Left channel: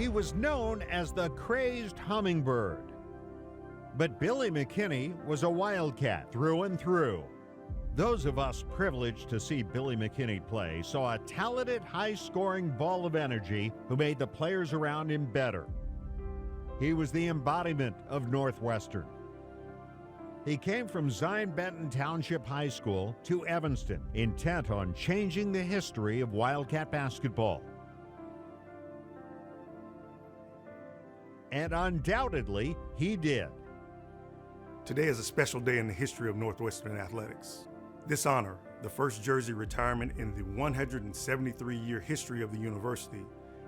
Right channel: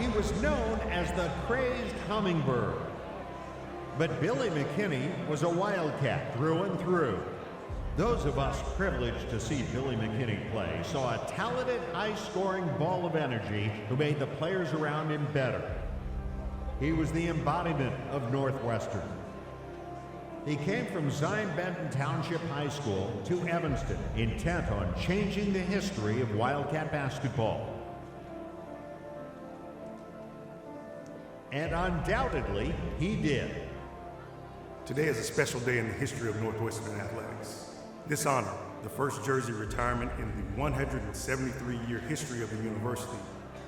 He was known as the crazed hummingbird. But Billy McKinney was a Wildcat through and through. Those of us privileged to see Billy McKinney play saw a talented, high-scoring ball of energy who made the players around him better. He was the embodiment of Northwestern. He came from Zion Benton Township High School to Evanston, intent on changing the history of Wildcat basketball. And undoubtedly, he did. Today is a special day in the history of Northwestern athletics. This honor, the first jersey retirement in the 173-year history of the university,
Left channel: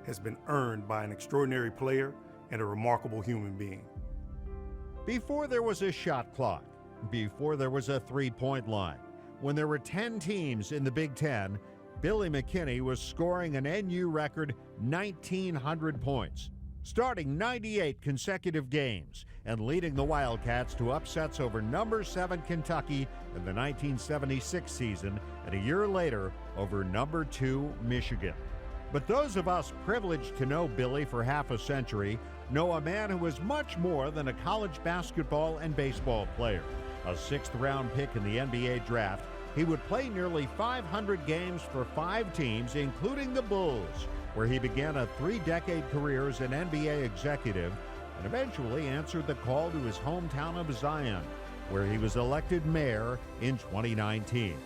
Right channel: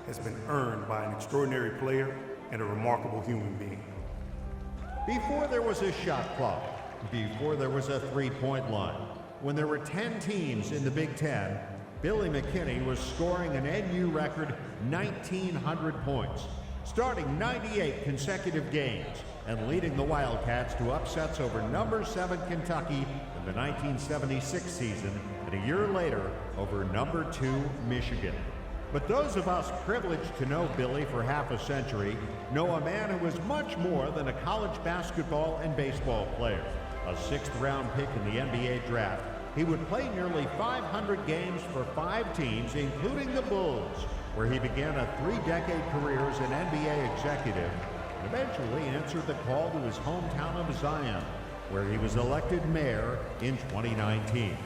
has been earned by an extraordinary player and a remarkable human being. Before there was a shot clock, before there was a three-point line, when there were 10 teams in the Big Ten, Billy McKinney was scoring an NU record 1,900 points, starting 98 consecutive games, and leading the Wildcats to upsets over number 7 Kentucky in the 1976 season, and a year later over number 2 Michigan. But those of us privileged to know Billy for half a century know a man who was much more than a college basketball and baseball player. A 6th-round pick in the NBA draft, he would play nearly 500 games for 5 teams, including the Bulls, where he began a 3-decade career as an NBA executive and eventually answered the call to his hometown of Zion, where he was elected mayor in 2019.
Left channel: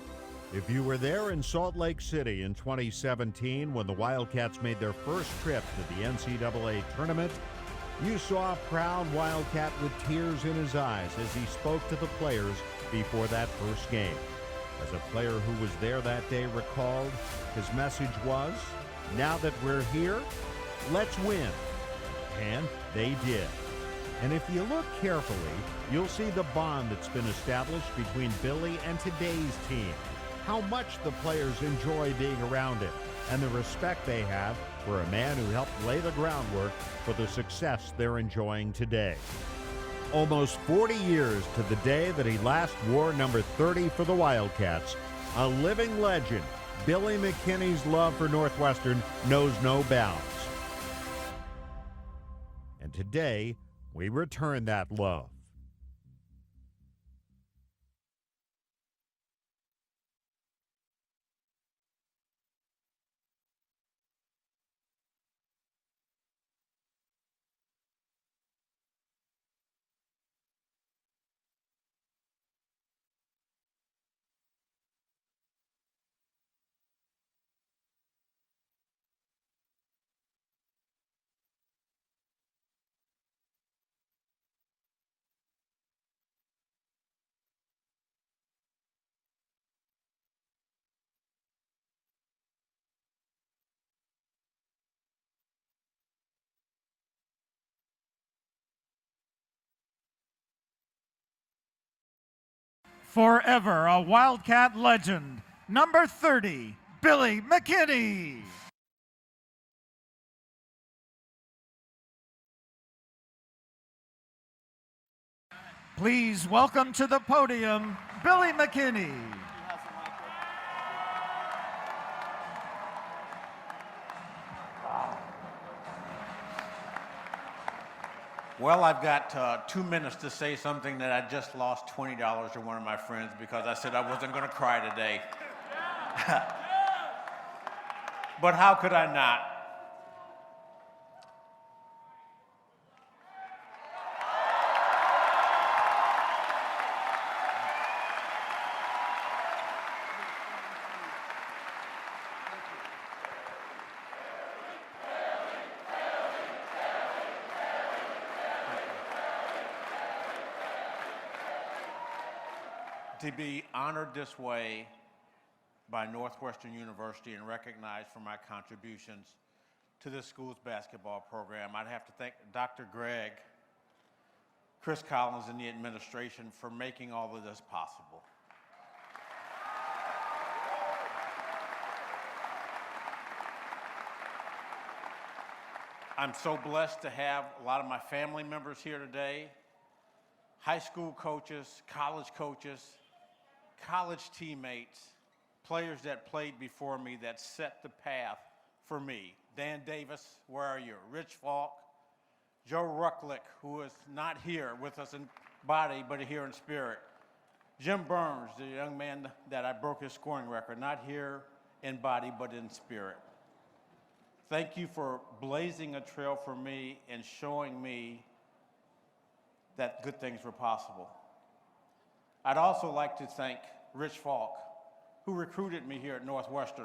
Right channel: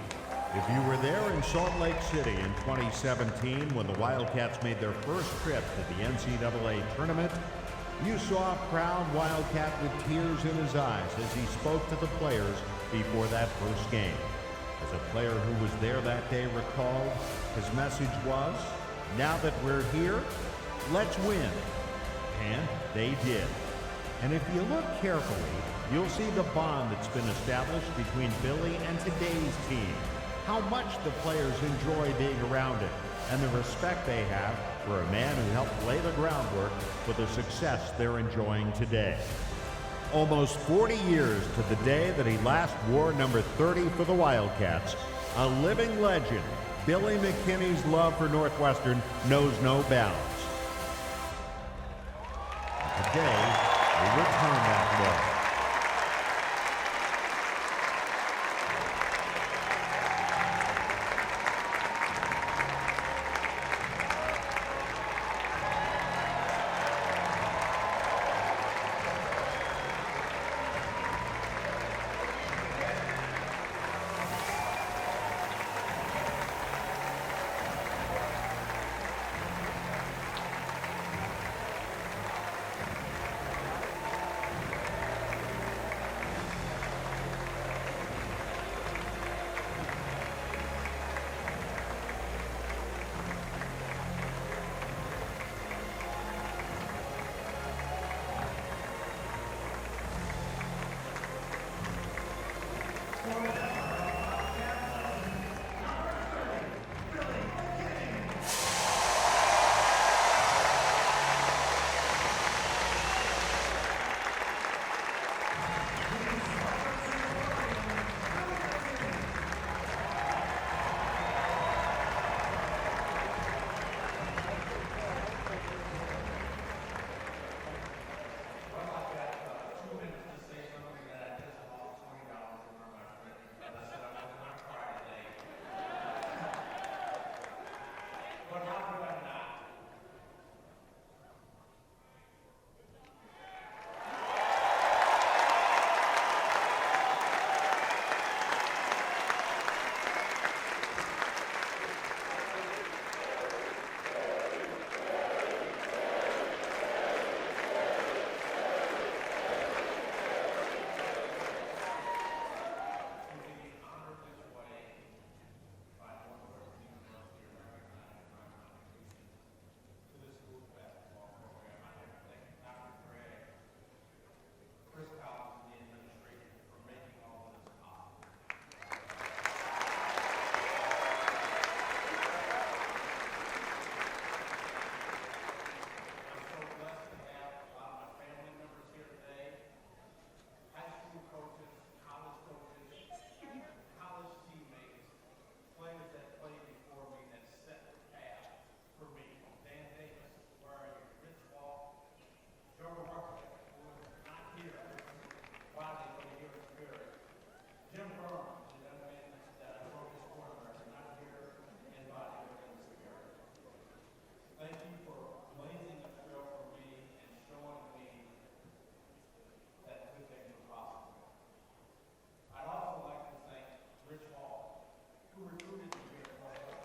If you were there in Salt Lake City in 2017 when the Wildcats made their first trip to the NCAA tournament, you saw a proud Wildcat with tears in his eyes as he spoke to the players before that first game. As a player who was there that day recalled, his message was, "Now that we're here, let's win." And they did. And if you look carefully, you'll see the bond that's been established between Billy and today's team, how much the players enjoy being around him, and the respect they have for a man who helped lay the groundwork for the success they're enjoying today. Almost 40 years to the day that he last wore number 30 for the Wildcats, a living legend, Billy McKinney's love for Northwestern knows no bounds. And today, we return that love. Forever a Wildcat legend, number 30, Billy McKinney. Please welcome to the podium, Billy McKinney. Well, I've got 2 minutes to say something that I just lost $20 to one of my friends because I said I wasn't going to cry today. But how could I not? To be honored this way by Northwestern University and recognized for my contributions to this school's basketball program, I'd have to thank Dr. Gregg, Chris Collins, and the administration for making all of this possible. I'm so blessed to have a lot of my family members here today, high school coaches, college teammates, players that played before me that set the path for me. Dan Davis, where are you? Rich Falk, Joe Rucklick, who is not here with us in body, but here in spirit. Jim Burns, the young man that I broke his scoring record, not here in body, but in spirit. Thank you for blazing a trail for me and showing me that good things were possible. I'd also like to thank Rich Falk, who recruited me here at Northwestern.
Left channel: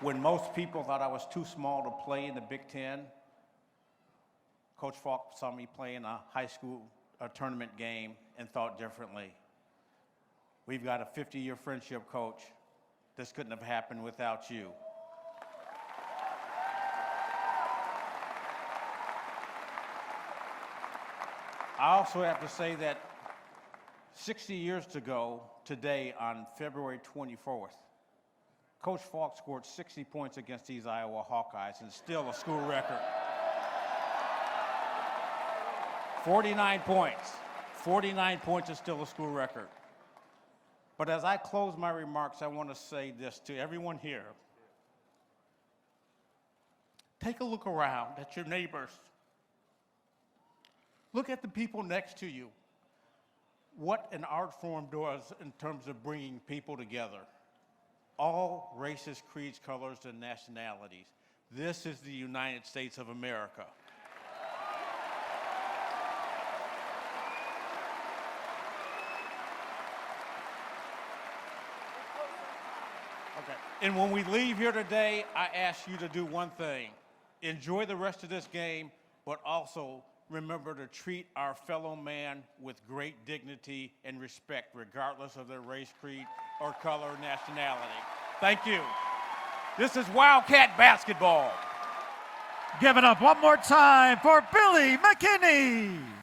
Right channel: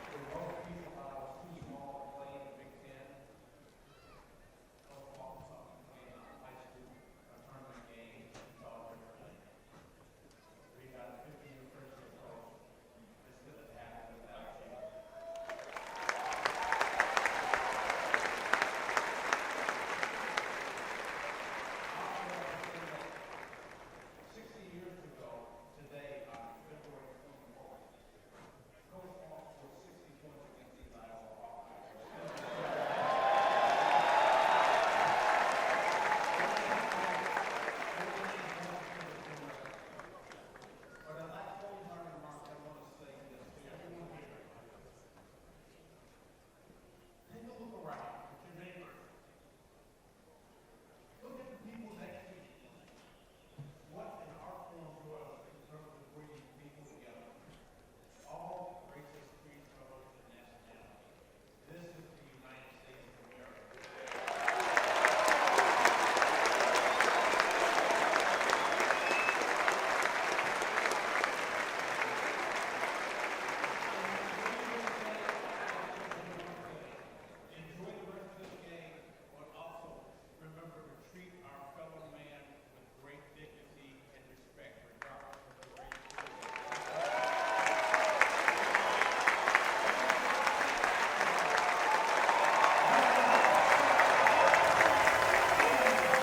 When most people thought I was too small to play in the Big Ten, Coach Falk saw me play in a high school tournament game and thought differently. We've got a 50-year friendship, Coach. This couldn't have happened without you. I also have to say that 60 years ago today, on February 24th, Coach Falk scored 60 points against these Iowa Hawkeyes, and still a school record. 49 points. 49 points is still a school record. But as I close my remarks, I want to say this to everyone here. Take a look around at your neighbors. Look at the people next to you. What an art form does in terms of bringing people together. All races, creeds, colors, and nationalities. This is the United States of America. And when we leave here today, I ask you to do one thing. Enjoy the rest of this game, but also remember to treat our fellow man with great dignity and respect, regardless of their race, creed, or color, or nationality. Thank you. This is Wildcat basketball. Give it up one more time for Billy McKinney.